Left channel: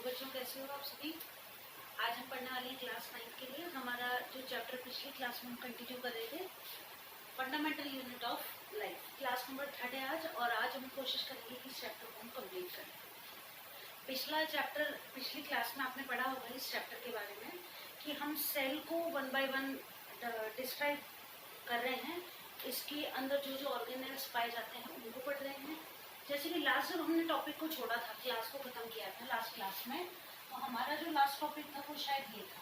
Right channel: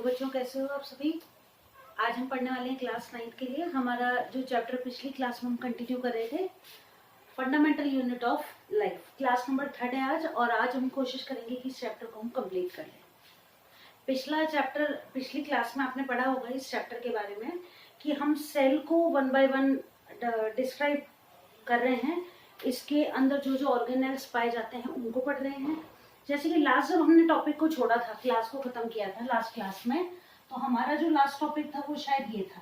Hello बच्चों, कैसे हो आप सभी। आज हम पढ़ने वाले हैं क्लास 9 के लिए। हमारा जो चैप्टर पिछली क्लास में हम कंटिन्यू कर रहे थे, fundamental unit of life, class number 3 है आज। और आज हम कोशिश करेंगे कि इस चैप्टर को हम कंप्लीट करें। पिछला चैप्टर पिछली क्लास में आपने पढ़ा होगा इस चैप्टर के बारे में कि हम सेल को 1 बाय 1 डिस्क्राइब कर रहे हैं। इसके अंदर जो जो ऑर्गेनेल्स पाए जाते हैं उनको पढ़ रहे हैं। जैसे कि लास्ट जब हमने टॉपिक को छोड़ा था, क्लास को खत्म किया था लास्ट क्लास में, तो हमारा जो लास्ट टॉपिक था वो शायद ये था,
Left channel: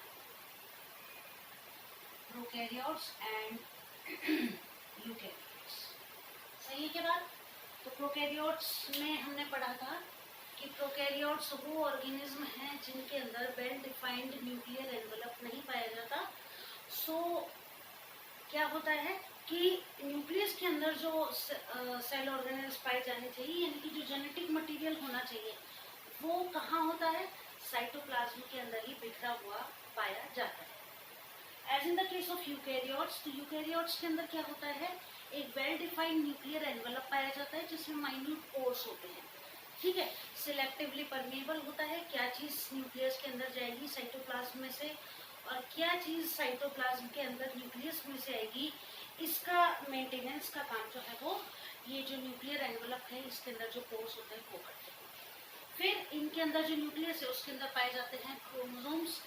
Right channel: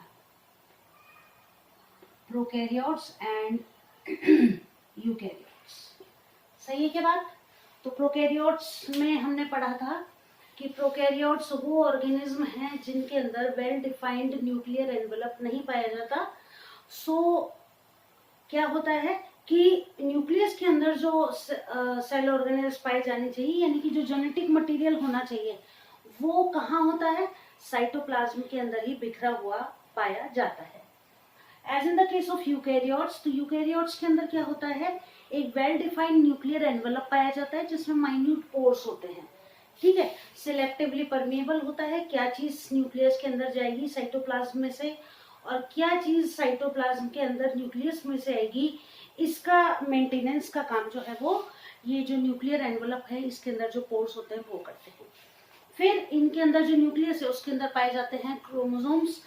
प्रोकैरियोट्स एंड यूकैरियोट्स। सही है क्या बात। तो प्रोकैरियोट्स में हमने पढ़ा था कि प्रोकैरियोट्स वो ऑर्गेनिज्म हैं जिनके अंदर वेल डिफाइंड न्यूक्लियर एनवेलप नहीं पाया जाता। क्या होता है कि न्यूक्लियस के अंदर जो सेल ऑर्गेनेल्स पाए जाने चाहिए, यानी कि जो जेनेटिक मटेरियल होना चाहिए, वो कहाँ होता है, साइटोप्लाज्म के अंदर ही बिखरा हुआ पाया जाता है। As in the case of eukaryotes, तो यूकैरियोट्स के अंदर क्या होता है, एक वेल डिफाइंड न्यूक्लियर एनवेलप पाया जाता है जिसमें माइन्यूट पोर्स होते हैं। ठीक है, सिलेक्टिवली परमेबल होता है। क्या चीज न्यूक्लियस के अंदर जाएगी साइटोप्लाज्म में से और क्या चीज साइटोप्लाज्म के अंदर न्यूक्लियस में से आएगी, इसका मेंटेनेंस का काम जो है वो ये जो न्यूक्लियर एनवेलप है इसके अंदर जो पोर्स होते हैं वो करते हैं। फिर इनके अंदर जो न्यूक्लियस है उसके अंदर पाए जाते हैं chromosomes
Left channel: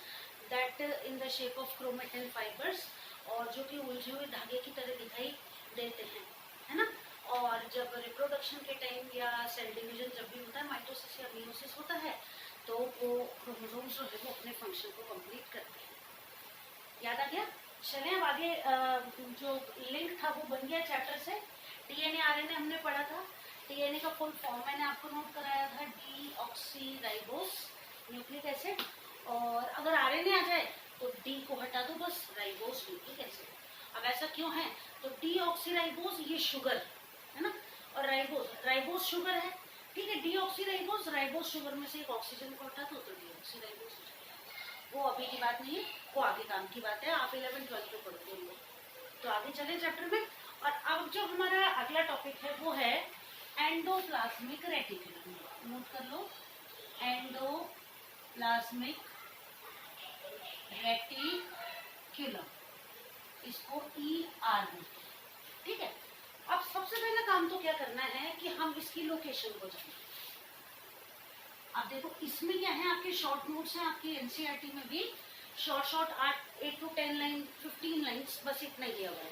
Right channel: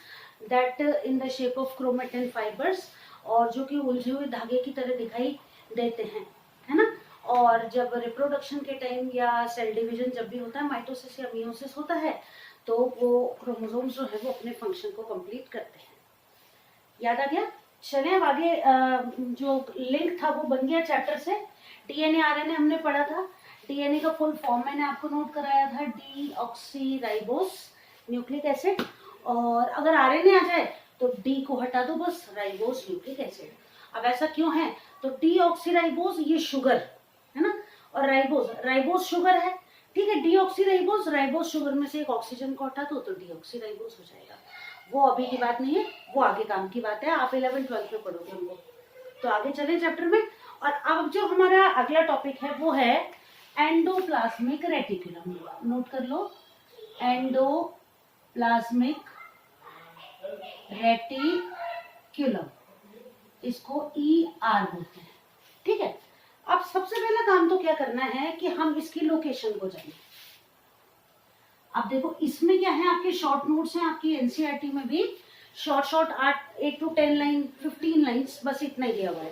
that in the shape of chromatin fibres, और जो कि उलझे हुए धागे की तरह दिखाई देते हैं, है ना। और जब रिप्रोडक्शन के टाइम या सेल डिवीजन जब भी होता है, माइटोसिस या मियोसिस होता है, तो वो क्रोमोसोम्स जो है वो अपने फंक्शन को कंप्लीट करते हैं। याद आ गया। चले अब आगे। जो लिंक था वो बन गया चैप्टर से। डीएनए आरएनए हमने पढ़ा था। डीएनए का फुल फॉर्म मैंने आपको नोट कराया था, डीऑक्सीराइबोस न्यूक्लिक एसिड। और अगर आरएनए आ जाए तो डी को हटा दो, बस राइबोस न्यूक्लिक एसिड। अब ऐसा क्यों है, तो डीऑक्सीराइबोस ये शुगर है ना, और राइबोस शुगर है। ठीक है, डीऑक्सीराइबोस राइबोस शुगर में से एक ऑक्सीजन को हटा दो तो डीऑक्सीराइबोस हो जाएगा। वो अभी की बात नहीं है, वो आगे काम की बात है। आप 11th-12th में पढ़ोगे उनको। तो आगे चले चैप्टर में। और अब जो हमारा अगला टॉपिक है वो है एंडोप्लाज्मिक रेटिकुलम। नोट कर लो, एंडोप्लाज्मिक रेटिकुलम, इसको ER बोलते हैं। ठीक है, अब सबसे पहला काम तो क्या करना है कि हम इसकी लोकेशन को जानें। अब देखो इसमें क्या है, आपके शॉर्ट नोट्स हैं, आपकी एनसीईआरटी में भी शॉर्ट 8 to 10 लाइन 15 लाइन्स, बस इतना ही दिया हुआ है।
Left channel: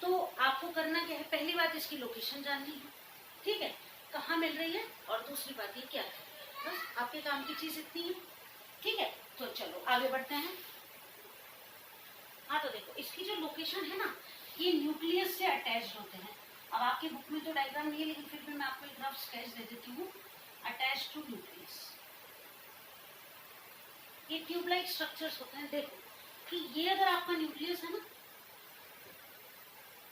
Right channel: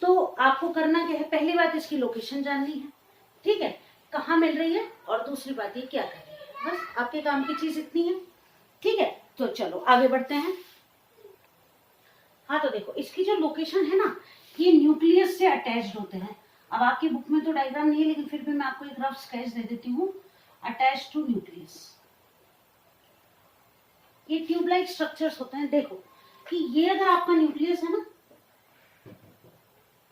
तो आपको करना क्या है, पहली बात इसकी लोकेशन जाननी है। ठीक है, कहाँ मिल रही है, और दूसरी बात ये क्या कर रही है, बस आपके काम की चीज इतनी है। ठीक है, तो चलो आगे बढ़ते हैं। हाँ, तो देखो इसकी जो लोकेशन है ना, ये न्यूक्लियस से अटैच्ड होते हैं। अब आपकी बुक में तो डायग्राम नहीं है, लेकिन फिर भी मैं आपको एक रफ स्केच दे देती हूँ। अटैच्ड टू न्यूक्लियस, ये ट्यूब लाइक स्ट्रक्चर्स होते हैं। देखो कि ये अगर आपका न्यूक्लियस है ना,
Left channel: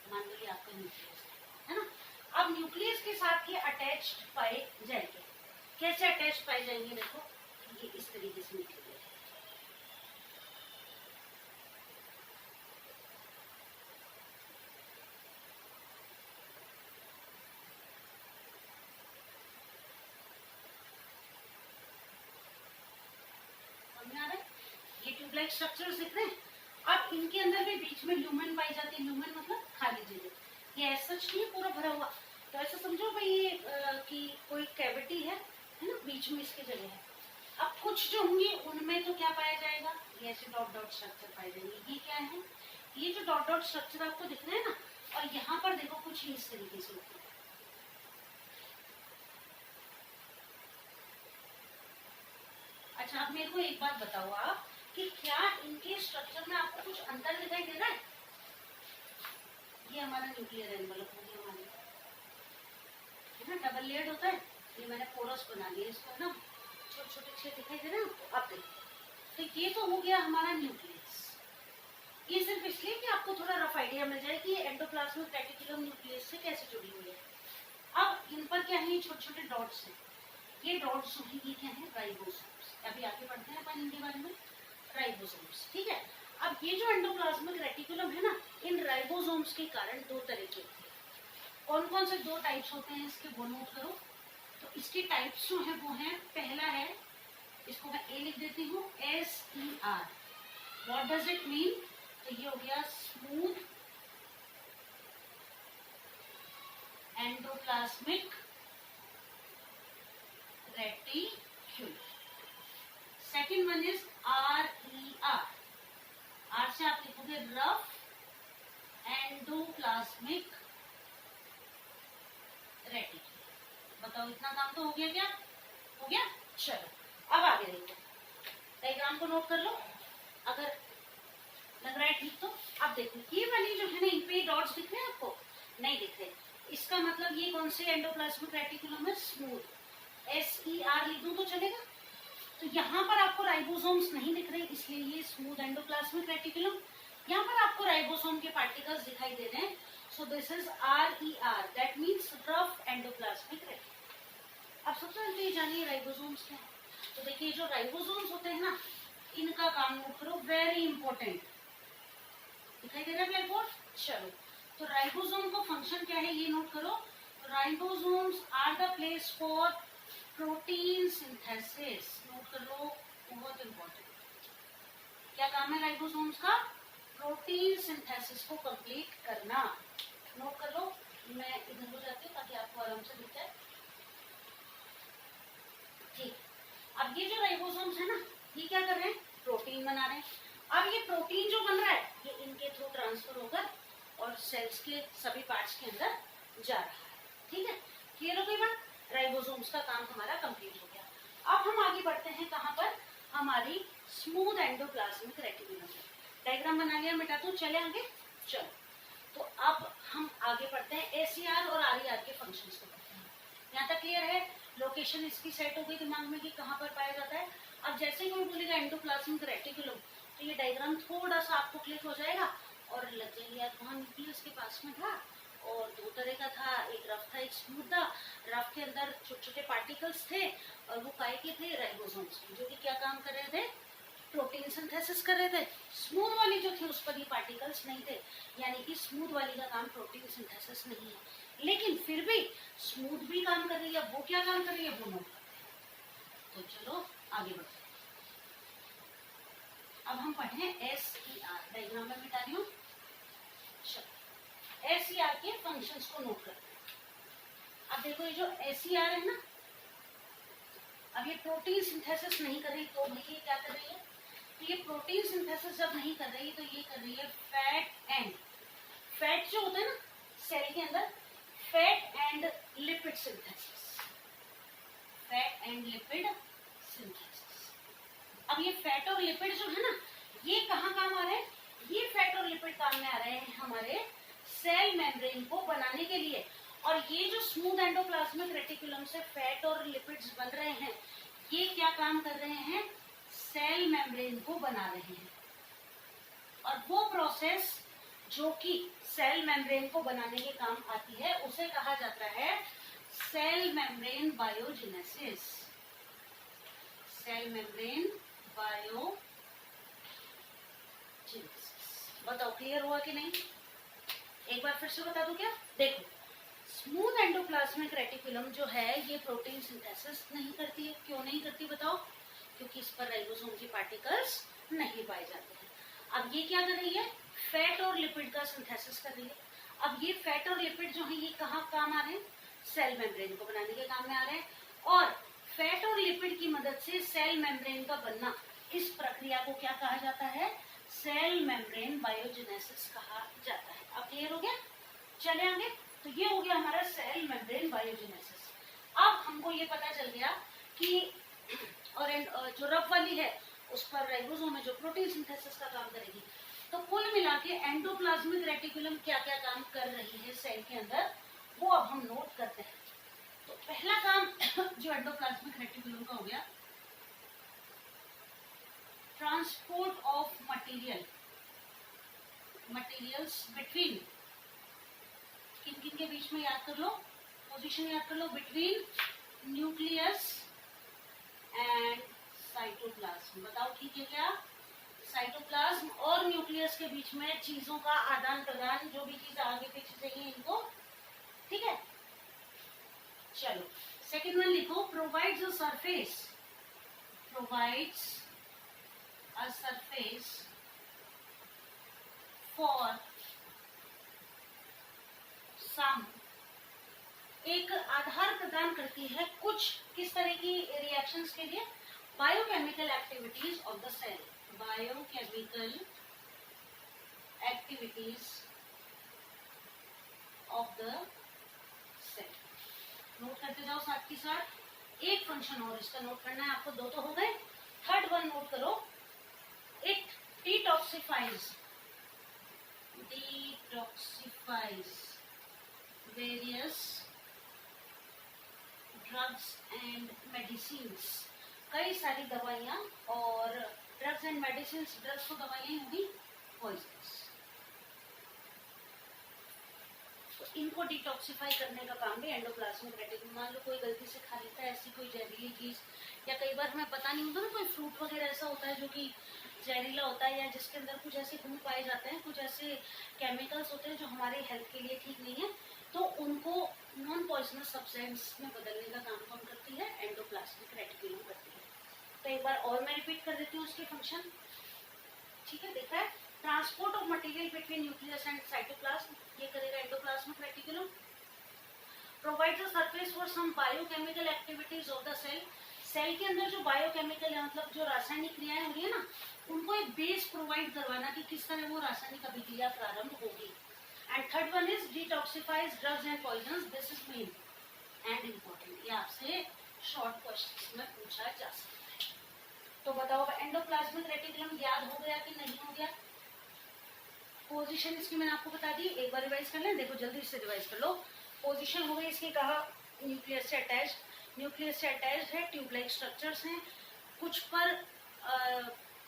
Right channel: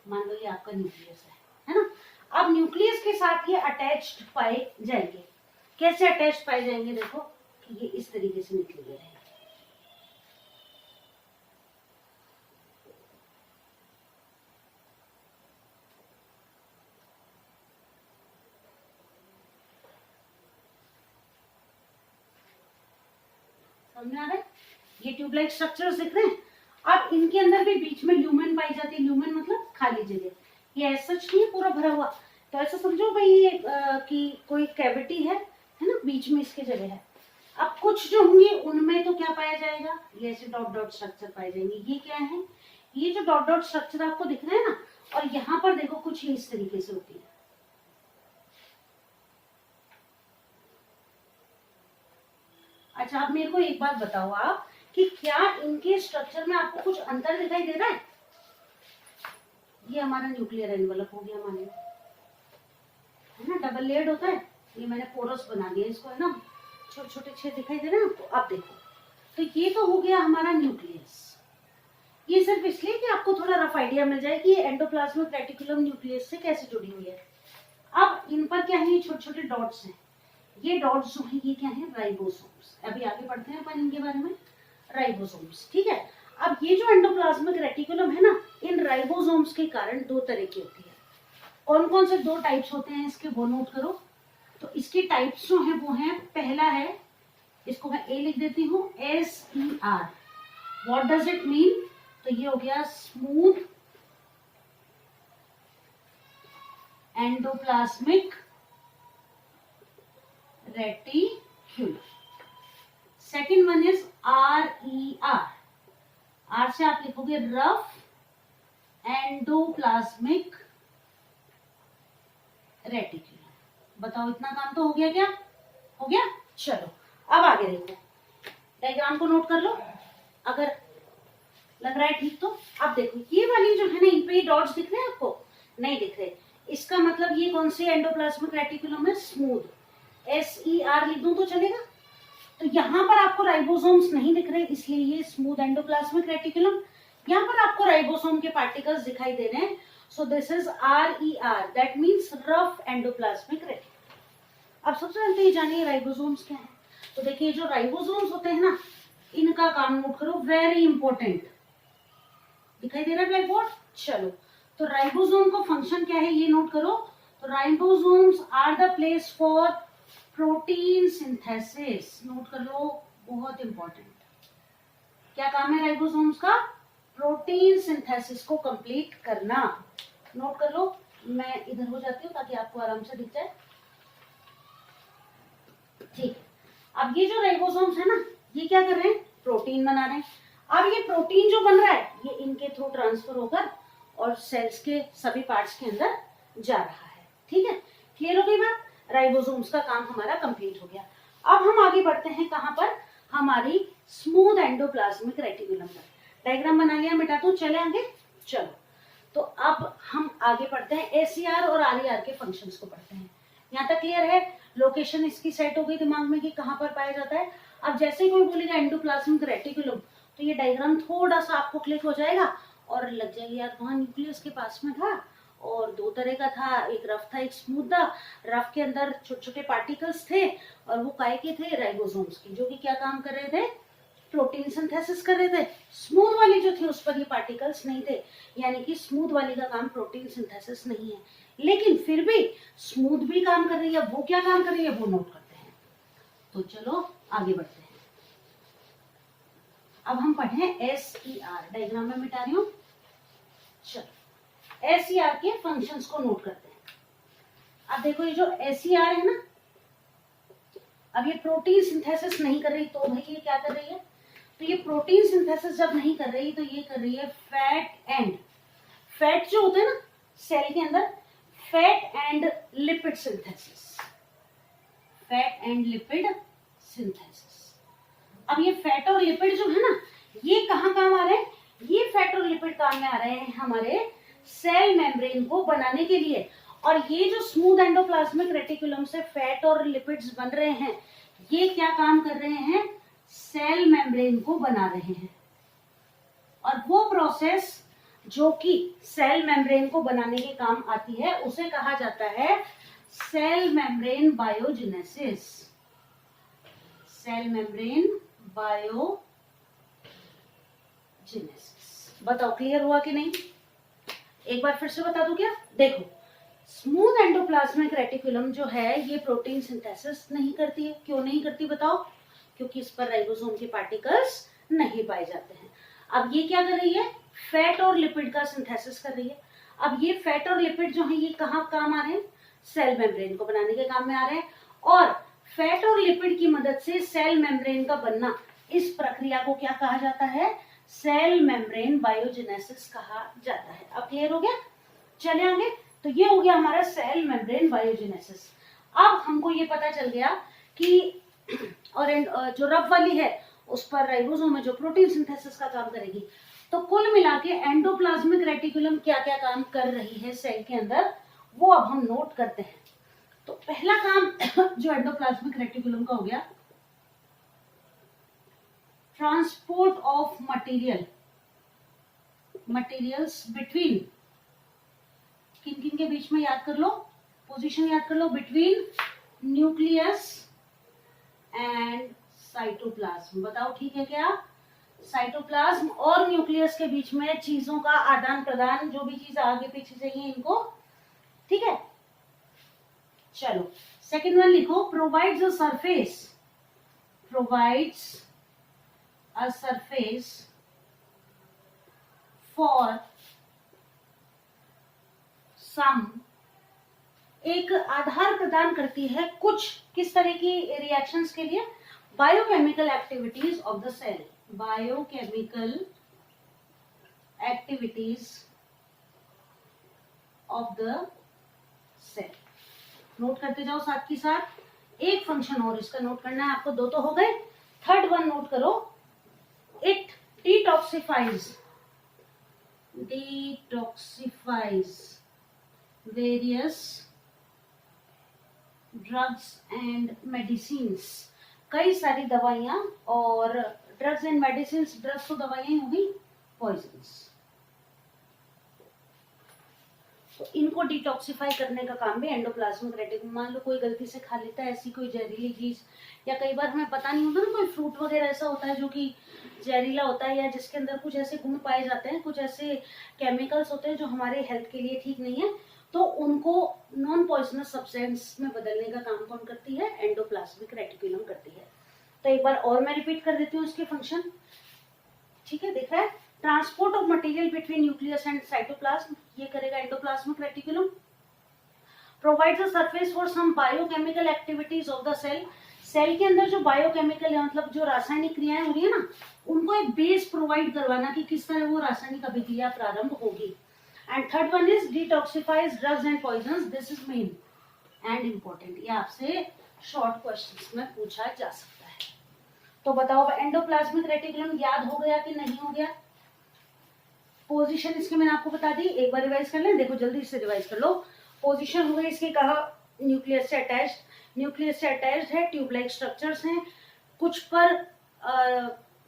मान लो ये आपका न्यूक्लियस है ना। अब न्यूक्लियस के साथ ये अटैच्ड पाए जाएंगे। कैसे अटैच्ड पाए जाएंगे, देखो ये इस तरीके से निकले हुए हैं। समझ में आ रहा है, ये ट्यूबलाइट स्ट्रक्चर्स दिख रहे हैं। अब इनके अंदर भी बीच में ल्यूमेन पाई जाती है। ल्यूमेन मतलब खाली जगह, ये ऐसा नहीं है पूरा भरा हुआ। तो ऐसा समझो भाई ये कि कोई कैविटी है ना, बीच में इसके जगह है। अब कुछ जो होंगे उनमें तो क्या पाया जाएगा, ये ऐसे डॉट डॉट स्ट्रक्चर पाए जाएंगे। ये क्या है, ये जो डॉट डॉट स्ट्रक्चर आपको दिख रहे हैं ना, और यहाँ पर देखो कुछ इस तरीके से होती है। अच्छा, आप मेरे को एक बात बताओ आप कि क्या इनके स्ट्रक्चर में आपको कुछ अंतर दिखाई दे रहा है। ये हमारा न्यूक्लियर एनवेलप हो गया, हमारे है ना, डबल लेयर्ड होता है। ये मैंने पोरस बना दिया इसको, है ना, छोटे छोटे छेद दिखाई दे रहे हैं आपको। अब देखो, तो ये तो हो गया हमारा न्यूक्लियस। ये सिर्फ इसलिए कि आपको थोड़ा रफ आइडिया मिल जाए कि ये एंडोप्लाज्मिक रेटिकुलम न्यूक्लियस से कैसे जुड़ी हुई है। अब इन पर क्या है, ये छोटे छोटे डॉट्स हैं। ये डॉट्स जो है ये क्या है, राइबोसोम्स। अभी आगे बढ़ते हैं अपन इनके बारे में, राइबोसोम्स। ठीक है, अब ये जो एंडोप्लाज्मिक रेटिकुलम है ना, इन राइबोसोम्स के कारण दो तरह की होती है। कौन कौन से दो टाइप्स होते हैं इसके, वो नोट करो। तो इसके टाइप्स जो है वो है, पहला है इसको मैं ए लिख देती हूँ, SER। What does it mean? तो ये हो गया smooth endoplasmic reticulum. Second one is RER। R से आप लिखोगे रफ एंडोप्लाज्मिक रेटिक्यूलम। बताओ इतना काम तो हो गया क्या? हो गया। चलो अब आगे देखो, डायग्राम को नोट कर लो अगर लग रहा है ठीक तो। अब देखो ये वाली जो है ना, इन पे डॉट्स दिख रहे हैं आपको? नहीं दिख रहे। इसका मतलब ये कौन से एंडोप्लाज्मिक रेटिकुलम है? स्मूथ। SER लिख दूं तो चलेगा? तो यहाँ पर आपको राइबोसोम्स नहीं दिख रहे, इसलिए ये स्मूथ एंडोप्लाज्मिक रेटिकुलम। यहाँ पर आपको राइबोसोम के पार्टिकल्स दिखाई दे रहे हैं, सो this is RER, that means rough endoplasmic reticulum. अब सबसे पहले ये जानिए राइबोसोम्स क्या है। तो देखिए जो राइबोसोम्स होते हैं ना, इनका काम नोट करो, वेरी इंपॉर्टेंट। दिखाई दे रहा है ब्लैक बोर्ड? चलो, तो राइबोसोम का फंक्शन क्या है ये नोट करो। Ribosomes are the place for protein synthesis. Note कर लो, बहुत इंपॉर्टेंट। क्या काम है राइबोसोम्स का? प्रोटीन सिंथेसिस को कंप्लीट करना। नोट कर लो। मैं इधर हो जाती हूँ ताकि आपको आराम से दिख जाए। ठीक, अब ये जो राइबोसोम्स है ना, ये क्या कर रहे हैं? प्रोटीन बना रहे हैं। अब ये प्रोटीन जो बन रहा है, ये इनके थ्रू ट्रांसफर होकर और सेल्स के सभी पार्ट्स के अंदर जा रहा है। ठीक है, क्लियर हो गई बात? राइबोसोम्स का काम हमारा कंप्लीट हो गया। अब हम आगे बढ़ते हैं कहाँ पर? हमारी स्मूथ एंडोप्लाज्मिक रेटिकुलम पर। डायग्राम बना लिया, मिटा दो, चले आगे। चलो, तो अब हम आगे पढ़ते हैं SER और RER के फंक्शंस को पढ़ते हैं। यहाँ तक क्लियर है? लोकेशन इसकी सेट हो गई दिमाग में कि कहाँ पर पाया जाता है। अब जैसे ही कोई बोलेगा एंडोप्लाज्मिक रेटिकुलम, तो ये डायग्राम थोड़ा सा आपको क्लिक हो जाएगा और लग जाएगी यार वहाँ न्यूक्लियस के पास में था और दो तरह का था, एक रफ था एक स्मूथ था। रफ के अंदर छोटे छोटे पार्टिकल्स थे और वो काय के थे? राइबोसोम्स के, जो कि क्या काम कर रहे थे? प्रोटीन सिंथेसिस कर रहे थे। स्मूथ वाली जो थी उस पर ये पार्टिकल्स नहीं थे, यानी कि स्मूथ वाली का काम प्रोटीन सिंथेसिस नहीं है, लेकिन फिर भी स्मूथ भी काम कर रही है। वो क्या काम कर रही है वो नोट करते हैं। तो चलो आगे बढ़ते हैं। अब हम पढ़े SER। डायग्राम में मिटा रही हूँ। चलो SER के फंक्शंस को नोट करते हैं। अब देखो ये जो SER है ना, अब ये प्रोटीन सिंथेसिस नहीं कर रही, तो भाई ये क्या कर रही है? तो ये प्रोटीन सिंथेसिस जब नहीं कर रही तो ये कर रही है फैट एंड, फैट जो होते हैं ना सेल के अंदर, fat and lipid synthesis. Fat and lipid synthesis. अब ये फैट और लिपिड जो है ना, ये कहाँ काम आ रहे हैं? ये फैट और लिपिड काम में आ रहे हैं हमारे सेल मेम्ब्रेन को बनाने के लिए। और ये जो स्मूथ एंडोप्लाज्मिक रेटिकुलम से फैट और लिपिड्स बन रहे हैं, ये क्या काम कर रहे हैं? सेल मेम्ब्रेन को बना रहे हैं। और वो प्रोसेस जो कि सेल मेम्ब्रेन को बनाने के काम आती है, उसे कहा जाता है cell membrane biogenesis. Cell membrane biogenesis. बताओ क्लियर हुआ कि नहीं? एक बार फिर से बता दूं क्या? देखो, स्मूथ एंडोप्लाज्मिक रेटिकुलम जो है ये प्रोटीन सिंथेसिस नहीं करती है। क्यों नहीं करती बताओ? क्योंकि इस पर राइबोसोम के पार्टिकल्स नहीं पाए जाते हैं। अब ये क्या कर रही है? फैट और लिपिड का सिंथेसिस कर रही है। अब ये फैट और लिपिड जो है ये कहाँ काम आ रहे हैं? सेल मेम्ब्रेन को बनाने के काम में आ रहे हैं। और फैट और लिपिड की मदद से सेल मेम्ब्रेन का बनना, इस प्रक्रिया को क्या कहा जाता है? सेल मेम्ब्रेन बायोजेनेसिस कहा जाता है। अब क्लियर हो गया? चले आगे। तो ये हो गया हमारा सेल मेम्ब्रेन बायोजेनेसिस। अब हमको ये पता चल गया कि और जो रफ वाली है उस पर राइबोसोम है जो प्रोटीन सिंथेसिस का काम करेगी। तो कुल मिला के एंडोप्लाज्मिक रेटिकुलम क्या क्या काम कर रही है सेल के अंदर, वो अब हम नोट करते हैं। तो पहला काम जो एंडोप्लाज्मिक रेटिकुलम का हो गया, ट्रांसपोर्ट ऑफ मटेरियल्स बिटवीन, किन किन के बीच में याद कर लो, पोजीशन याद कर लो, बिटवीन न्यूक्लियस एंड साइटोप्लाज्म। बताओ ठीक है क्या? साइटोप्लाज्म और न्यूक्लियस के बीच में चीजों का आदान प्रदान, जो भी चीज आगे पीछे चाहिए इनको, ठीक है। चलो सेकेंड वन लिखो, provides a surface provides a surface for some, एक आधार प्रदान करती है कुछ किस तरह की रिएक्शंस के लिए, biochemical activities of the cell, biochemical activities of the cell. Note करते जाओ साथ के साथ। एक फंक्शन और इसका नोट करना है आपको, दो तो हो गए, थर्ड वन नोट करो, it detoxifies various drugs and medicines, कई सारी दवाइयां, और ड्रग्स एंड मेडिसिन्स, ड्रग्स तो दवाइयां होगी, पॉइजन्स, तो इनको डिटॉक्सिफाई करने का काम भी एंडोप्लाज्मिक रेटिकुलम। मान लो कोई गलती से खा लेता है ऐसी कोई जहरीली चीज, या कई बार हमें पता नहीं होता ना, कोई फ्रूट वगैरह ऐसा होता है जो कि जहरीला होता है, या जिसके अंदर कुछ ऐसे गुण पाए जाते हैं, कुछ ऐसे केमिकल्स होते हैं जो हमारे हेल्थ के लिए ठीक नहीं है, तो उनको नॉन पॉइजनस सब्सटेंस में बदलने का काम कौन करती है, एंडोप्लाज्मिक रेटिकुलम करती है। तो एक बार और मैं रिपीट कर देती हूँ उसके फंक्शन, ठीक है, देख रहा है, transport of material between nucleus and cytoplasm, ये करेगा endoplasmic reticulum. Provides a surface for some biochemical activities of the cell, cell के अंदर जो बायोकेमिकल है, मतलब जो रासायनिक क्रियाएं हो रही है ना, उनको एक बेस प्रोवाइड करवाना कि किस तरह वो रासायनिक अभिक्रिया प्रारंभ होगी। And third one is detoxifies drugs and poisons, this is main and important, ये आपसे शॉर्ट क्वेश्चंस में पूछा जा सकता है। तो बताओ एंडोप्लाज्मिक रेटिकुलम याद हो गया कि नहीं हो गया? पोजीशन इसके मैंने आपको बता दी, एक बार रिवाइज कर लें, देखो जल्दी से रिवाइज कर लो। पोजीशन हो गई इसकी, कहा न्यूक्लियस से अटैच, न्यूक्लियस से अटैच्ड है, ट्यूब लाइक स्ट्रक्चर्स हैं, कुछ पर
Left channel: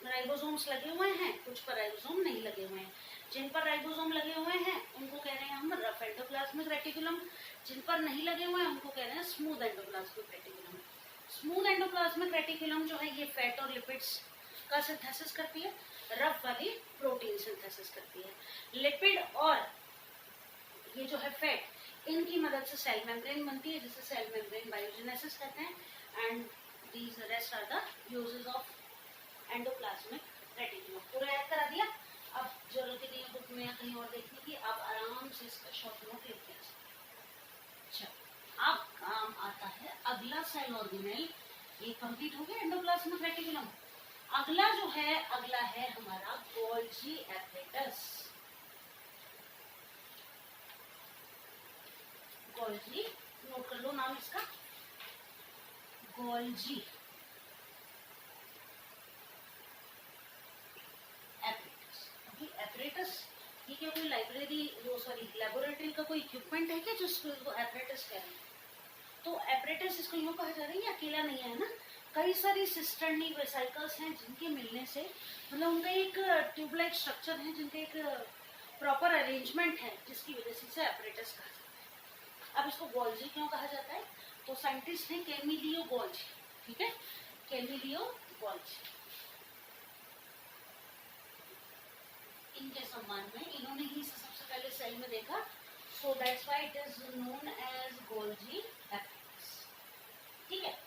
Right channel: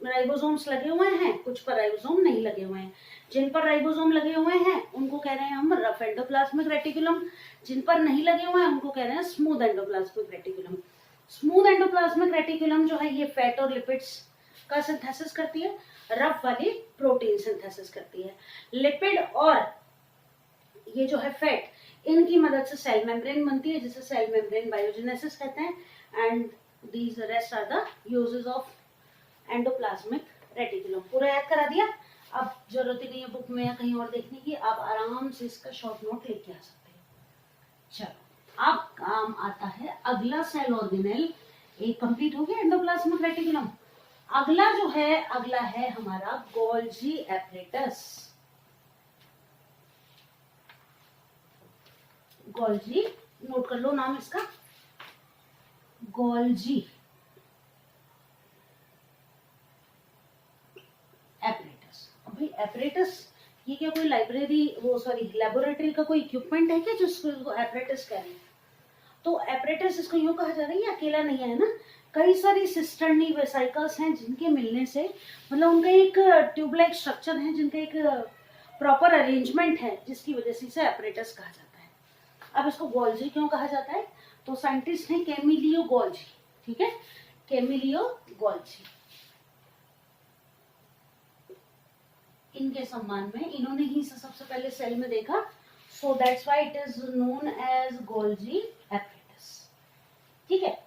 राइबोसोम्स लगे हुए हैं, कुछ पर राइबोसोम नहीं लगे हुए हैं। जिन पर राइबोसोम लगे हुए हैं उनको कह रहे हैं हम रफ एंडोप्लाज्मिक रेटिकुलम, जिन पर नहीं लगे हुए हैं उनको कह रहे हैं smooth endoplasmic reticulum. Smooth endoplasmic reticulum जो है ये फैट और लिपिड्स का सिंथेसिस करती है, रफ वाली प्रोटीन सिंथेसिस करती है। लिपिड और ये जो है फैट, इनकी मदद से सेल मेम्ब्रेन बनती है, जिसे सेल मेम्ब्रेन बायोजेनेसिस कहते हैं। And these rest are the uses of endoplasmic reticulum. पूरा याद करा दिया, अब जरूरत ही नहीं है बुक में या कहीं और देखने की, आप आराम से इसका शॉर्ट नोट लेके आ सकते हैं। चलो अब काम आता है अगला सेल ऑर्गेनेल, एक कंप्लीट हो गया एंडोप्लाज्मिक रेटिकुलम। अगला जो है, अगला है हमारा गोल्जी एपरेटस। गोल्जी, नोट कर लो नाम इसका, गोल्जी एपरेटस। अभी एपरेटस ये क्या कोई लाइब्रेरी, वो सॉरी लेबोरेटरी का कोई इक्विपमेंट है क्या जिसको एपरेटस कह रहे हैं? तो एपरेटस इसको यूं कहा जा रहा है, ये अकेला नहीं है ना, कई सारी सिस्टर्नी वेसाइकल्स हैं जिनके मिलने से, मतलब उनका एक ट्यूबलाइक स्ट्रक्चर है, जिनका एक प्रॉपर अरेंजमेंट है, जिसकी वजह से इसे एपरेटस कहा जाता है। अब इसको गोल्जी क्यों कहा जाता है? तो साइंटिस्ट हैं कैमिलियो गोल्जी, ठीक है, कैमिलियो गोल्जी, इनके सम्मान में इन्होंने ही इसे सबसे पहले सेल में देखा, so that's why it is known as Golgi apparatus, ठीक है।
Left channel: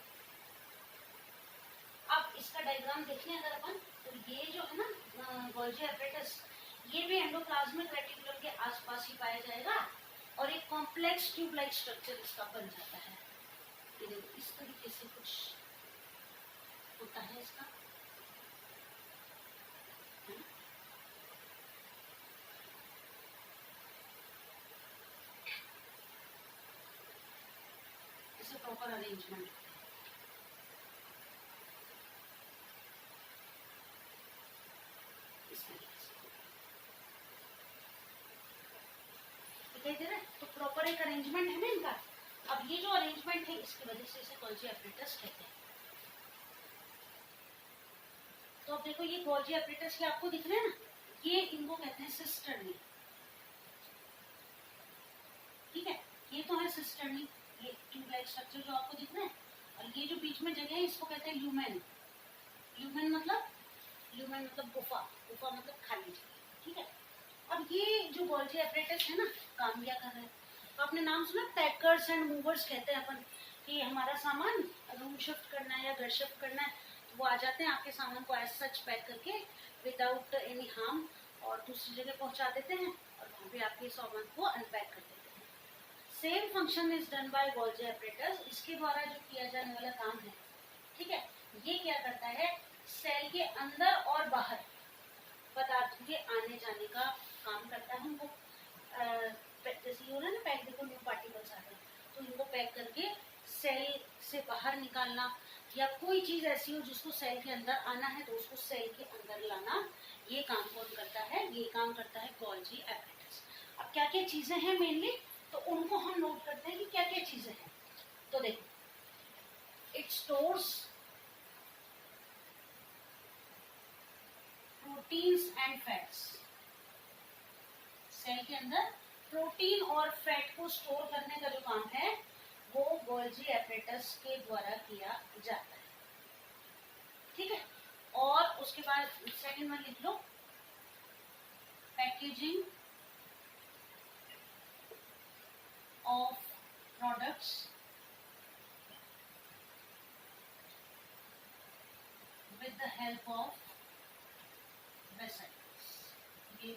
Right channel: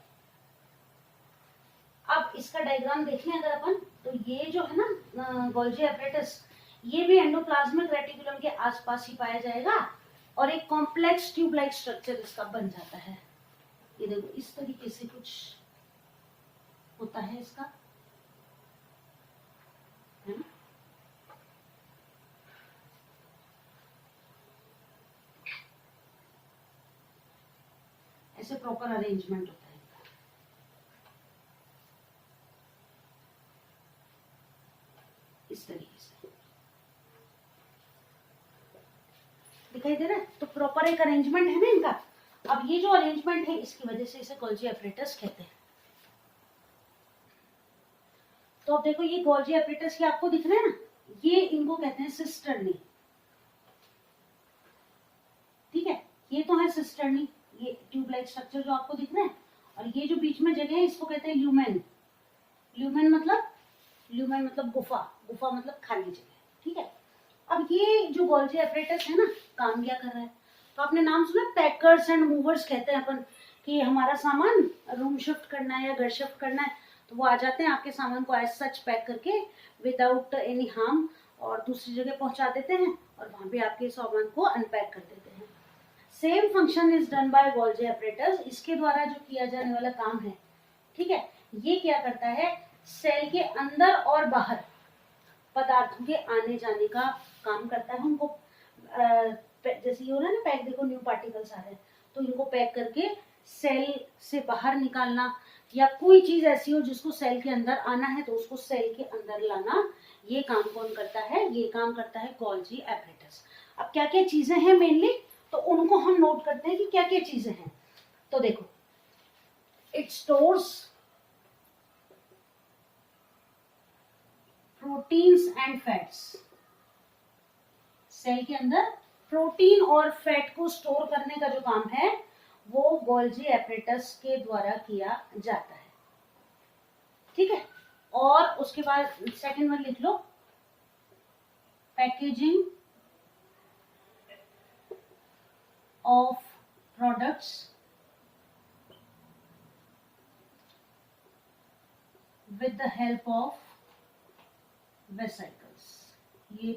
अब इसका डायग्राम देख लें अगर अपन, तो ये जो है ना गोल्जी एपरेटस, ये भी एंडोप्लाज्मिक रेटिकुलम के आसपास ही पाया जाएगा, और एक कॉम्प्लेक्स ट्यूब लाइक स्ट्रक्चर इसका बन जाता है। ये देखो इस तरीके से कुछ होता है इसका, है ना? ऐसे प्रॉपर अरेंजमेंट होता है। इस तरीके से दिखाई दे रहा है, तो प्रॉपर एक अरेंजमेंट है ना इनका। अब ये जो अरेंजमेंट है, इसकी वजह से इसे गोल्जी एपरेटस कहते हैं। तो अब देखो ये गोल्जी एपरेटस के आपको दिख रहे हैं ना, ये इनको कहते हैं सिस्टर्नी, ठीक है, ये तो है सिस्टर्नी, ये ट्यूब लाइक स्ट्रक्चर जो आपको दिख रहा है, और ये जो बीच में जगह है इसको कहते हैं ल्यूमेन। ल्यूमेन मतलब गुफा, गुफा मतलब खाली जगह, ठीक है। अब ये जो गोल्जी एपरेटस है ना, काम क्या कर रहा है? तो आपने नाम सुना, पैकर्स एंड मूवर्स कहते हैं अपन, कि हमारा सामान रूम शिफ्ट करना है या घर शिफ्ट करना है, वो आ जाते हैं आपके सामान को एज सच पैक करके विदाउट एनी हार्म और दूसरी जगह पहुंचा देते हैं और वहां भी आपके सामान को अनपैक कर देते हैं। Same function is done by Golgi operators. इसके द्वारा जो किया जाने वाला काम है, ठीक है, ये क्या करता है, सेल के अंदर और बाहर पदार्थों के आने जाने का काम करता है। उनको जैसे ये हो रहा है ना पैक, देखो न्यू पार्टिकल्स आ रहे हैं, तो इनको पैक करके सेल से बाहर निकालना, या कोई चीज ऐसी हो जिसको सेल के अंदर आना है तो उसको सेल के अंदर लाना, ये काम कौन करता है, ये काम करता है गोल्जी ऑपरेटर्स। अब क्या क्या चीजें हैं मेनली, तो उनको हम नोट करते हैं कि क्या क्या चीजें हैं। तो देखो, it stores proteins and fats. Cell के अंदर प्रोटीन और फैट को स्टोर करने का जो काम है वो गोल्जी ऑपरेटर्स के द्वारा किया जाता है, ठीक है। और उसके बाद सेकंड वन लिख लो, packaging of products with the help of vesicles. ये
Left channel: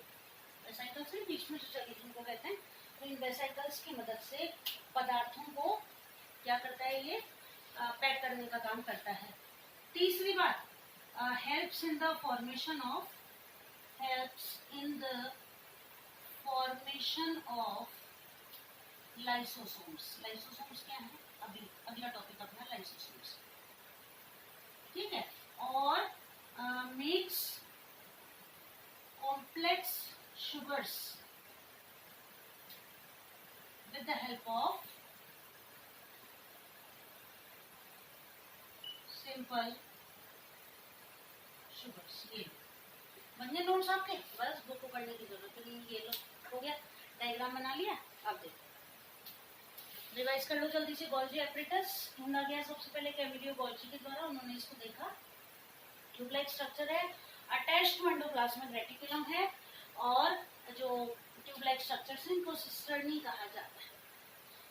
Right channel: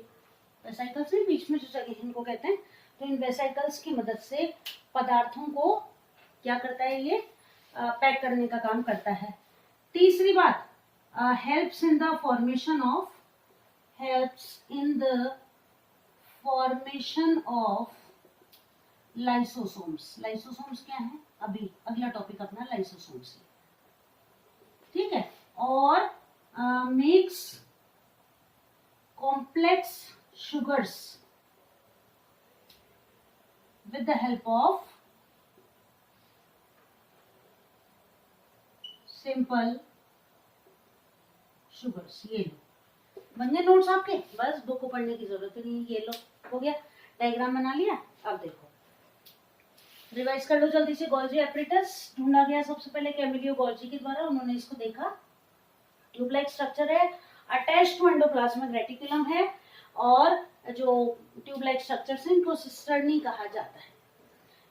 वेसिकल्स नहीं, बीच में जो जगह इनको कहते हैं, तो इन वेसिकल्स की मदद से पदार्थों को क्या करता है, ये पैक करने का काम करता है। तीसरी बात, helps in the formation of lysosomes. Lysosomes क्या है, अभी अगला टॉपिक अपना लाइसोसोम्स, ठीक है। और makes complex sugars with the help of simple sugars। ये बन गए नोट्स आपके, बस बुक को पढ़ने की जरूरत नहीं। ये लो, हो गया, डायग्राम बना लिया। अब देखो, रिवाइज कर लो जल्दी से। गोल्जी ऑपरेटर्स ढूंढा गया सबसे पहले कैमिलियो गोल्जी के द्वारा, उन्होंने इसको देखा, ट्यूब लाइक स्ट्रक्चर है, अटैच टू एंडोप्लाज्मिक रेटिकुलम है, और जो ट्यूब लाइक स्ट्रक्चर है इनको सिस्टर्नी कहा जाता है।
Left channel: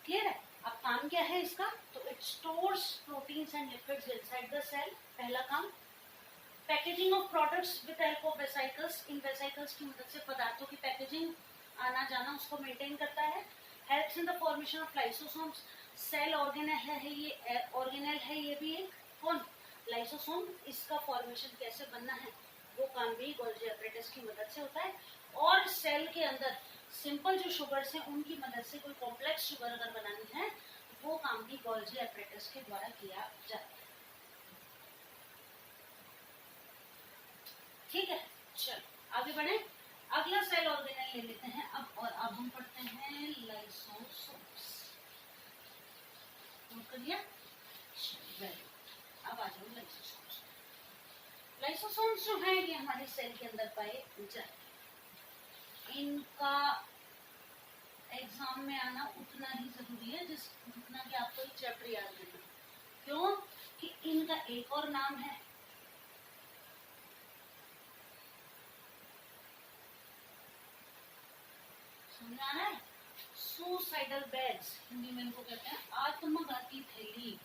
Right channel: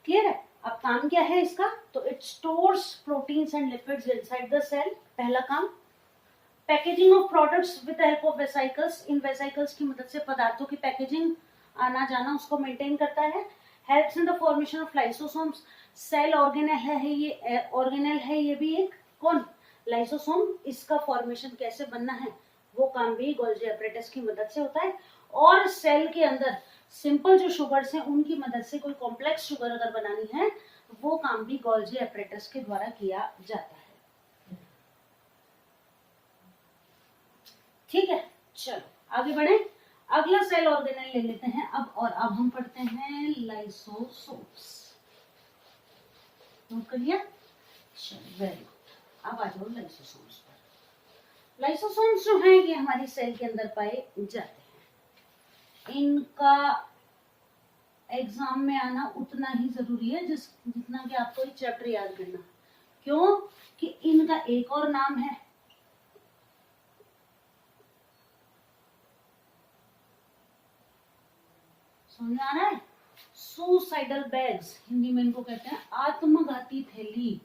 क्लियर है। अब काम क्या है इसका, तो it stores proteins and lipids inside the cell, पहला काम। Packaging of products with help of vesicles, इन वेसिकल्स की मदद से पदार्थों की पैकेजिंग, आना जाना, उसको मेंटेन करता है। Helps in the formation of lysosomes, cell organelle है ये, ऑर्गेनेल है ये भी एक, कौन, लाइसोसोम, इसका फॉर्मेशन कैसे बनना है वो काम भी गोल्जी ऑपरेटर्स की मदद से होता है। और सेल के अंदर सिंपल जो शुगर्स हैं उनकी मदद से कोई कॉम्प्लेक्स शुगर अगर बनानी है वो काम भी गोल्जी ऑपरेटर्स के द्वारा किया जाता है, ठीक है। चलो आगे बढ़े, अगला सेल ऑर्गेनेल ले लेते हैं अब, और अब हम पढ़ते हैं लाइसोसोम्स। नोट कर लिया, चलो वेरी गुड। अब आ जाओ लाइसोसोम्स पर। लाइसोसोम्स जो है ये हमारी सेल के अंदर पाए जाते हैं। इनका एग्जाम में आना उतना ही जरूरी है जितना कि आपको एक चैप्टर याद करना। क्यों कि इनका एक और नाम है, समझ आ रहा है, सुसाइडल बैग्स, हिंदी में इनको कहते हैं आत्मघाती थैली।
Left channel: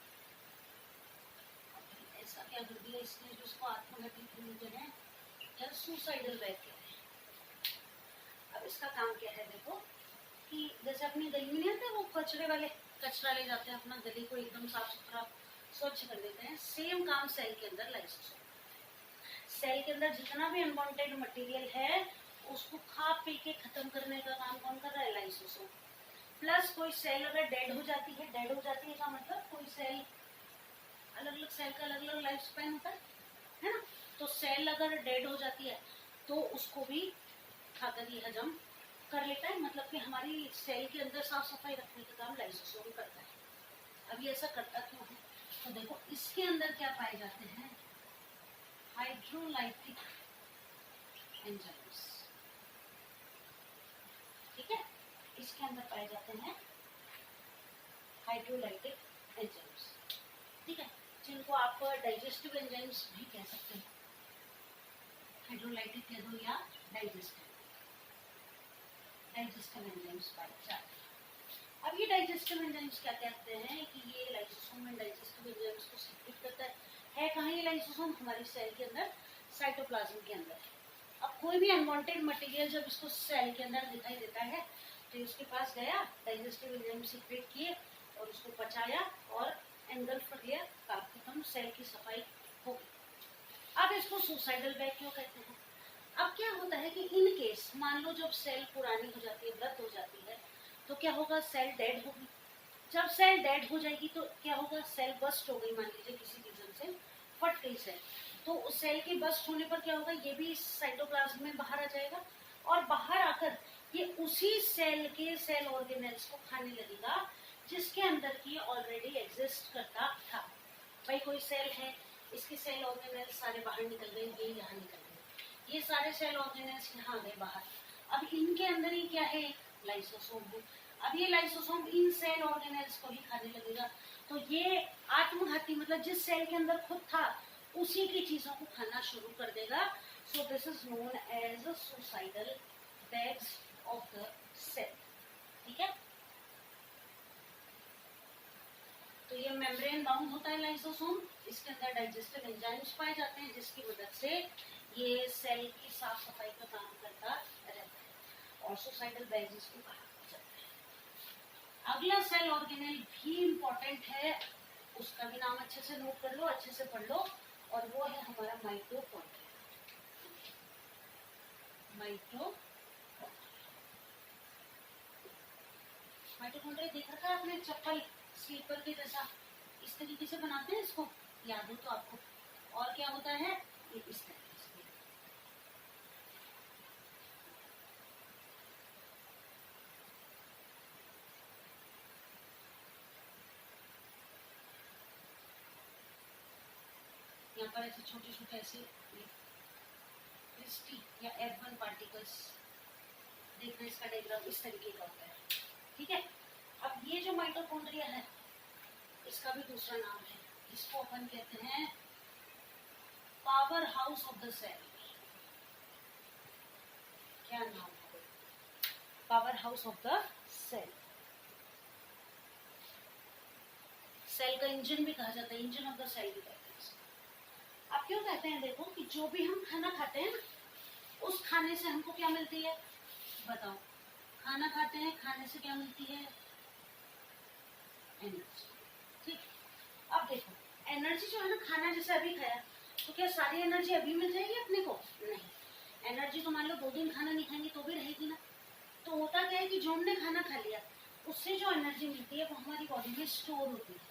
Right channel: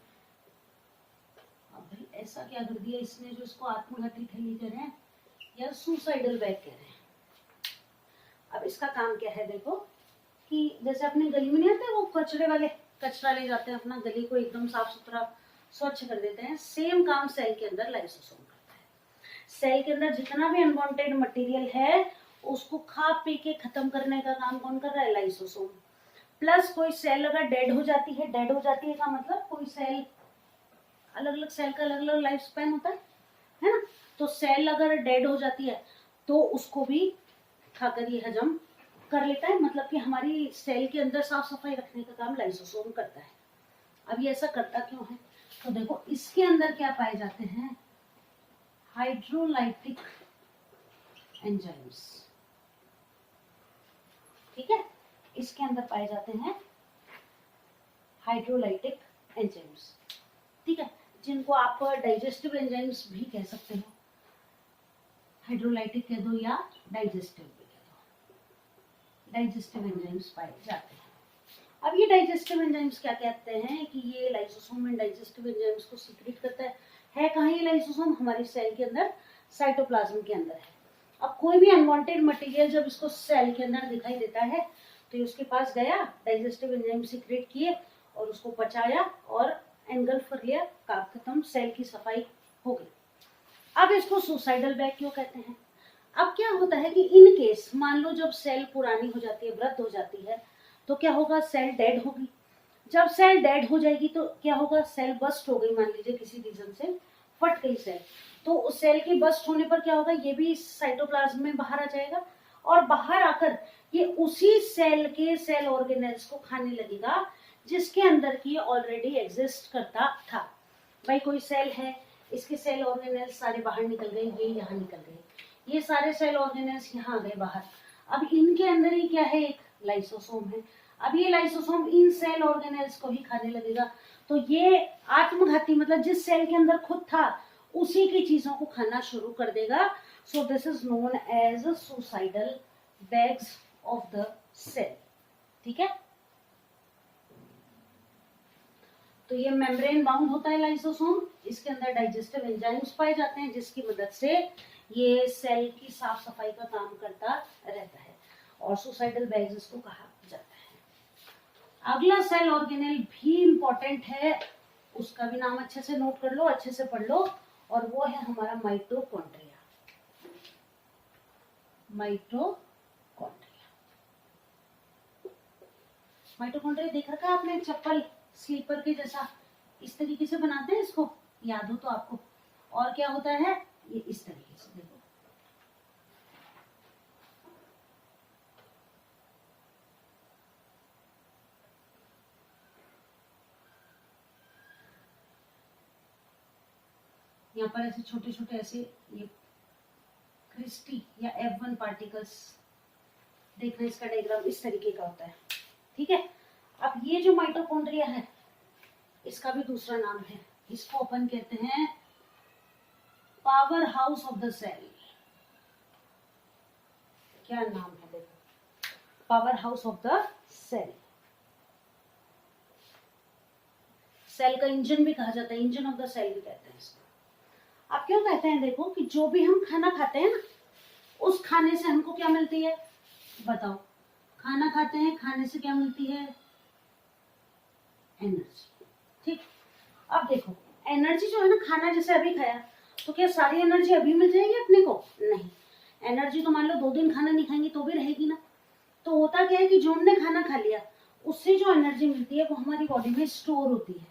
अब ऐसा क्या कर दिया इसने जो इसको आत्मघाती थैली कह रहे हैं या सुसाइडल बैग कह रहे हैं। अब इसका काम क्या है, देखो कि जैसे अपने गली में नहीं आते वो कचरे वाले, कचरा ले जाते हैं अपना, गली को एकदम साफ सुथरा स्वच्छ कर देते हैं, सेम काम सेल के अंदर लाइसोसोम करता है। सेल के अंदर जितना भी अनवांटेड मटेरियल है उसको खा पी के खत्म करने का काम कौन कर रहा है, लाइसोसोम। प्लस कोई सेल अगर डेड हो जाती है का मतलब कोई सेल, अलग अलग सेल का अलग अलग लाइफ स्पैन होता है ना, तो सेल अगर डेड हो जाती है तो उसको भी खाकर ये हजम कर लेता है, मतलब कि हमारी सेल के अंदर साफ सफाई रखने का काम लाइसोसोम करता है। अब ये ऐसा करता क्यों है, तो देखो इसके अंदर क्या पाए जाते हैं, हाइड्रोलाइटिक एंजाइम्स, ठीक है, इसके अंदर पाए जाते हैं हाइड्रोलाइटिक एंजाइम्स, ठीक है, जिनको आप डाइजेस्टिव एंजाइम्स भी कह सकते हो, हाइड्रोलाइटिक कह दो या डाइजेस्टिव एंजाइम्स पाए जाते हैं। अब ये डाइजेस्टिव एंजाइम्स क्या कहते हैं कि ये लाइसोसोम में डाइजेस्टिव एंजाइम्स को सीक्रेट करता है, है कहाँ ये लाइसोसोम? हमारी सेल के अंदर, साइटोप्लाज्म के अंदर है। अब कोई भी अनवांटेड मटेरियल जब इसको सेल के अंदर दिखाई देता है तो ये उसके पास गया, डाइजेस्टिव एंजाइम सीक्रेट किए और उसको पचाया और एंगल्फ कर लिया, काम खत्म, सेल की सफाई हो गई। अब इसको सुसाइडल बैग क्यों कहते हैं? अब क्या होता है कि इन केस मान लो जब सेल पुरानी हो जाती है, वृद्ध हो जाती है, तो क्या होगा? सेल डेड होगी। जब सेल डेड हो जाएगी तो क्या होगा? सेल बस्ट हो गई, मान लीजिए किसी रीजन से फट गई सेल, तो उस सेल की बस्ट होने पर क्या होगा? ये भी साइटोप्लाज्म में बाहर आ जाएगा और बाहर आकर ये उसी सेल के सेल ऑर्गेनेल्स को खाने लगेगा जिसके अंदर की ऑलरेडी एग्जिस्ट करता था। भाई कोई सेल है, इसके सेल ऑर्गेनेल्स सारे बाहर निकल गए, ये यहाँ निकल गए, ये सारे सेल ऑर्गेनेल्स यहाँ आ गए बाहर। अब इनके अंदर ही क्या है? एक लाइसोसोम है। अब ये लाइसोसोम इन सेल ऑर्गेनेल्स को ही खाने लगेगा, तो ये आत्मघाती, मतलब जिस सेल के अंदर खुद था उसी की चीजों को खाना शुरू कर देगा। So this is known as suicidal bags of the cell. ठीक है, तो ये मेम्ब्रेन बाउंड होता है लाइसोसोम, इसके अंदर डाइजेस्टिव एंजाइम्स पाए जाते हैं जिसकी मदद से ये सेल की साफ सफाई का काम करता रहता है और सुसाइडल बैग्स इसको कहा जाता है। अगला सेल ऑर्गेनेल भी इंपॉर्टेंट है, उसका भी नाम अच्छे से नोट कर लो, अच्छे से पढ़ लो, और वो है हमारा माइटोकॉन्ड्रिया। माइटोकॉन्ड्रिया देखा था आपने? चप्पल स्लीपर के जैसा इस तरीके से बनाते हैं इसको, याद हो तो आपको। और क्या होता है? ये इस तरीके से देखो, यहाँ पर ऐसे छोटे छोटे ऐसे ये क्रिस्टी या F1 पार्टिकल्स देख रहे हैं, इसका डायग्राम इस तरीके का होता है। ठीक है, अब ये जो माइटोकॉन्ड्रिया है इसका भी दूसरा नाम है, इसको अपन कहते हैं power house of the cell. क्या नाम है देखो, power house of the cell. Cell का इंजन भी कहा जाता है, इंजन ऑफ द सेल भी कहते हैं इसको। अब क्यों कहते हैं? देखो कि जो भी हम खाना खाते हैं ना, उस खाने से हमको क्या मिलती है? बताओ, खाना खाते हैं, खाने से क्या मिलती है? एनर्जी। ठीक, अब देखो एनर्जी जो है ना, खाना जैसे अभी खाया तो क्या सारी एनर्जी अभी मिल जाएगी अपने को? नहीं, एनर्जी तो मान लो 2 दिन खाना नहीं खाएंगे तो भी रहेगी ना। तो होता क्या है कि जो हमने खाना खा लिया उससे जो एनर्जी मिलती है वो हमारी बॉडी में स्टोर होती है।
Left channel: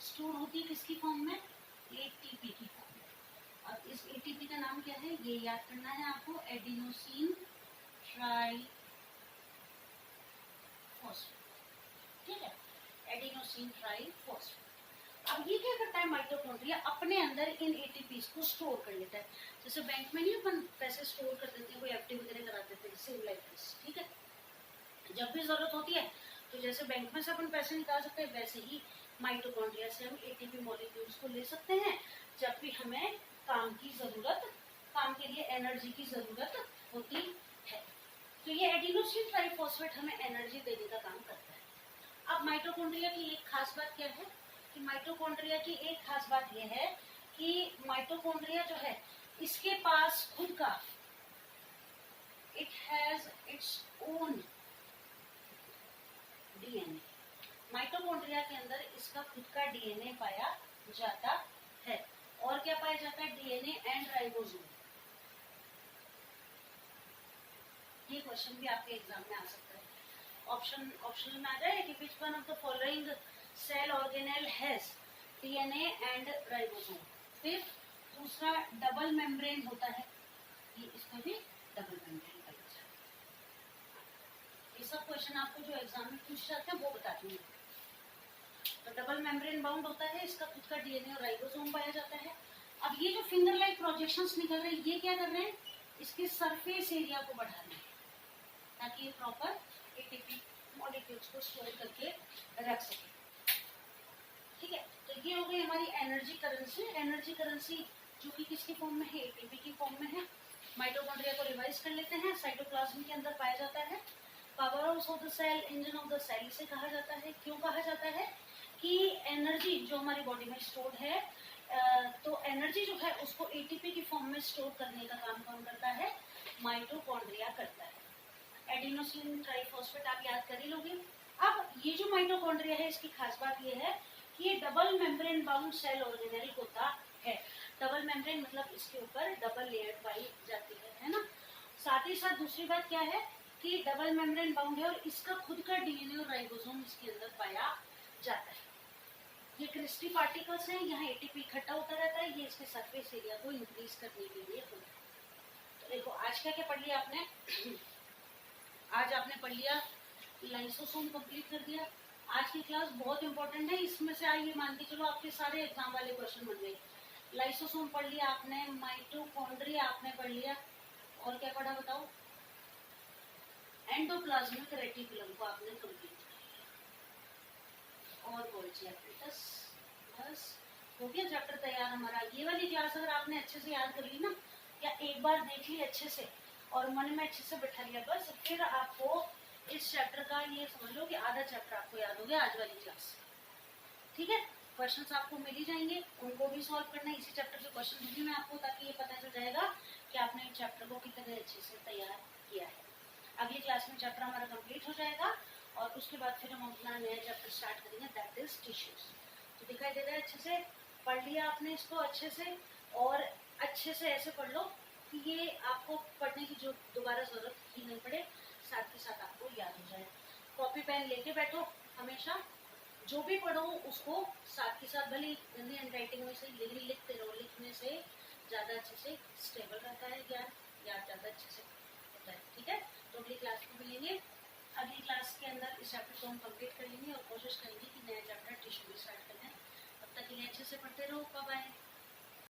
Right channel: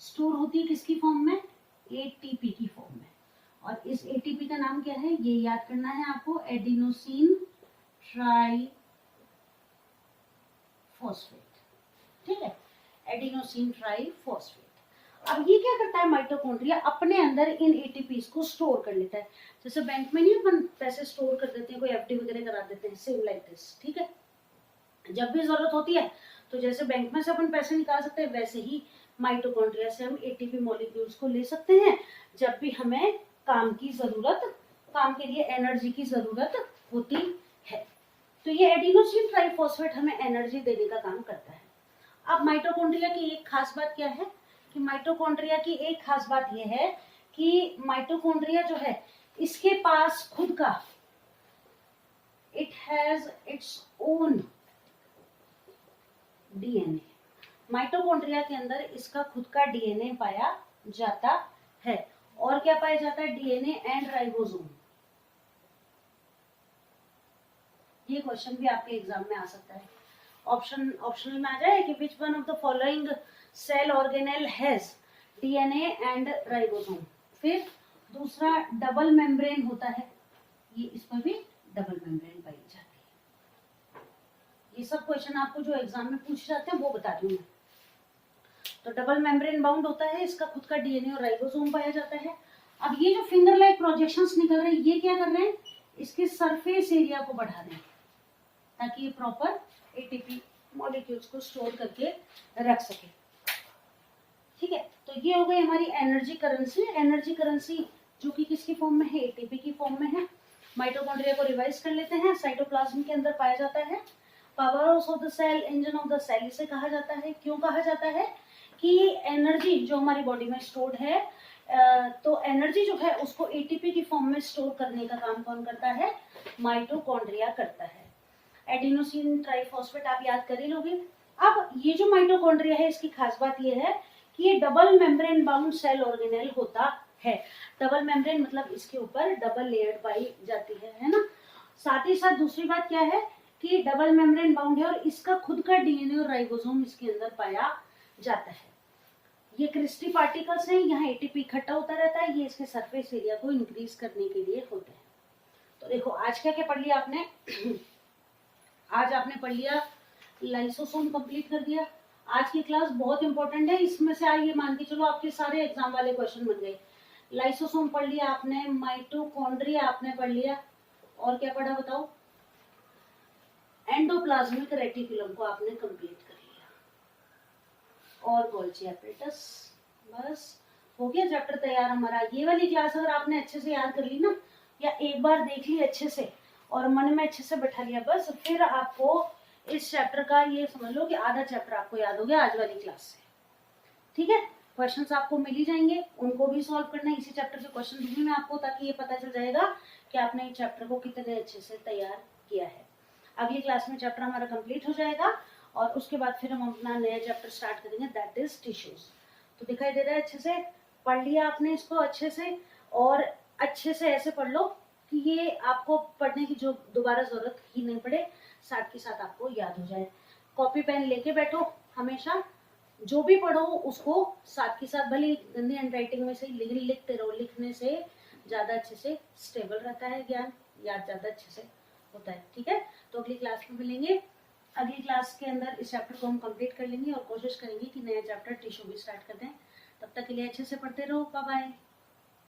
स्टोर होती है किसकी फॉर्म में? एटीपी की फॉर्म में। और इस एटीपी का नाम क्या है? ये याद करना है आपको, एडिनोसिन ट्राई फॉस्फेट। ठीक है, एडिनोसिन ट्राई फॉस्फेट। अब ये क्या करता है? माइटोकॉन्ड्रिया अपने अंदर इन एटीपीज को स्टोर कर लेता है। जैसे बैंक में नहीं अपन पैसे स्टोर कर देते हैं, कोई एफडी वगैरह करा देते हैं, सेम लाइक दिस। ठीक है, जब भी जरूरत होती है तो जैसे बैंक में से अपन पैसे निकाल सकते हैं, वैसे ही माइटोकॉन्ड्रिया से हम एटीपी मॉलिक्यूल्स को ले सकते हैं जब भी हमें काम की जरूरत, काम के लिए एनर्जी की जरूरत होती है। तो ये एडिनोसिन ट्राइफॉस्फेट हमें एनर्जी देने का काम करता है। अब माइटोकॉन्ड्रिया की एक खास बात क्या है कि माइटोकॉन्ड्रिया की एक खास बात यह है कि माइटोकॉन्ड्रिया जो है इसके पास खुद का, it has its own DNA. Mitochondria के अंदर इसका खुद का डीएनए पाया जाता है। और क्या पाया जाता है? DNA and ribosome. ये क्वेश्चन भी आपके एग्जाम में आ सकता है, ऑप्शनल में आ जाए कि which one of the following cell organelle has DNA and ribosome. फिर दूसरा डबल मेम्ब्रेन होता है, ये इसमें भी डबल मेम्ब्रेन पाई जाती है। ये सब क्वेश्चन आपको जो एग्जाम में पूछे जाते हैं वो बता दूंगी। तो डबल मेम्ब्रेन बाउंड होता है, इसका खुद का डीएनए और राइबोसोम पाया जाता है। अब ये जो फिंगर लाइक प्रोजेक्शंस निकल रहे हैं, ये क्या कर रहे हैं? इसके सरफेस एरिया को बढ़ा रहे हैं ताकि ये प्रॉपर एटीपी मॉलिक्यूल्स को स्टोर करके रख सके। ठीक है, तो ये हो गई हमारी एनर्जी करेंसी। एनर्जी करेंसी जो कि किसकी फॉर्म में है? एटीपी की फॉर्म में है। माइटोकॉन्ड्रिया को रिवाइज कर लेते हैं, साइटोप्लाज्म के अंदर पाया जाता है। Power house of the cell, engine of the cell इसे कहा जाता है। क्यों कहा जाता है? कि एनर्जी जो हमारी बॉडी में स्टोर्ड है तो एनर्जी जो है उसको एटीपी की फॉर्म में स्टोर करने का काम कौन करता है? माइटोकॉन्ड्रिया करता है। एडिनोसिन ट्राइफॉस्फेट आप याद कर ही लोगे। अब ये जो माइटोकॉन्ड्रिया है इसकी खास बात ये है कि ये double membrane bound cell organelle होता है। डबल मेम्ब्रेन मतलब इसके ऊपर डबल लेयर पाई जाती है ना। साथ ही साथ दूसरी बात क्या है कि डबल मेम्ब्रेन बाउंड है और इसका खुद का डीएनए और राइबोसोम इसके अंदर पाया जाता है। ये क्रिस्टी पार्टिकल्स हैं, यहाँ एटीपी इकट्ठा होता रहता है, ये इसके सरफेस एरिया को इंक्रीज करने के लिए होता है। तो देखो आज क्या क्या पढ़ लिया आपने आज आपने पढ़ लिया लाइसोसोम कंप्लीट कर दिया। आज की क्लास बहुत इंपॉर्टेंट है, इसमें से आइए मान के चलो आपके सारे एग्जाम वाले क्वेश्चन बन गए। लाइसोसोम पढ़ लिया आपने, माइटोकॉन्ड्रिया आपने पढ़ लिया, और क्या पढ़ा बताओ? एंडोप्लाज्मिक रेटिकुलम को आपने कंप्लीट कर लिया, और गोल्जी एपरेटस। बस हो गया चैप्टर तैयार हमारा। ये वाली क्लास अगर आपने अच्छे से याद कर ली ना, या एक बार देख ली अच्छे से और मन में अच्छे से बैठा लिया, बस फिर आपको इस चैप्टर का ये समझ लो कि आधा चैप्टर आपको याद हो गया आज वाली क्लास से। ठीक है, क्वेश्चंस आपको मिल ही जाएंगे, उनको भी सॉल्व करना है। इसी चैप्टर के क्वेश्चन दिखने में आपको, ताकि ये पता चल जाएगा कि आपने इस चैप्टर को कितने अच्छे से तैयार किया है। अगली क्लास में चैप्टर हमारा कंप्लीट हो जाएगा और उसके बाद फिर हम अपना नया चैप्टर स्टार्ट करेंगे, दैट इज टिश्यूज। तो दिखाई दे रहा है अच्छे से? पढ़ लिया आपने इसको अच्छे से, और अच्छे से ऐसे पढ़ लो कि ये आपको पढ़ने की जो दोबारा जरूरत ही नहीं पड़े, साथ के साथ आपको याद हो जाए। कॉपी पेन लेके बैठो हमेशा, जो भी पढ़ो उसको साथ के साथ, भले गंदी हैंडराइटिंग में से लिखते रहो, लिखने से ज्यादा अच्छे से स्टेबल रहता है ज्ञान, याद ज्यादा अच्छे से होता है। ठीक है, तो अगली क्लास में मिलेंगे। अगली क्लास के अंदर इस चैप्टर को हम कंप्लीट कर लेंगे और कोशिश करेंगे कि नया चैप्टर टिश्यू भी स्टार्ट कर दें। तब तक के लिए अच्छे से पढ़ते रहो। Bye bye.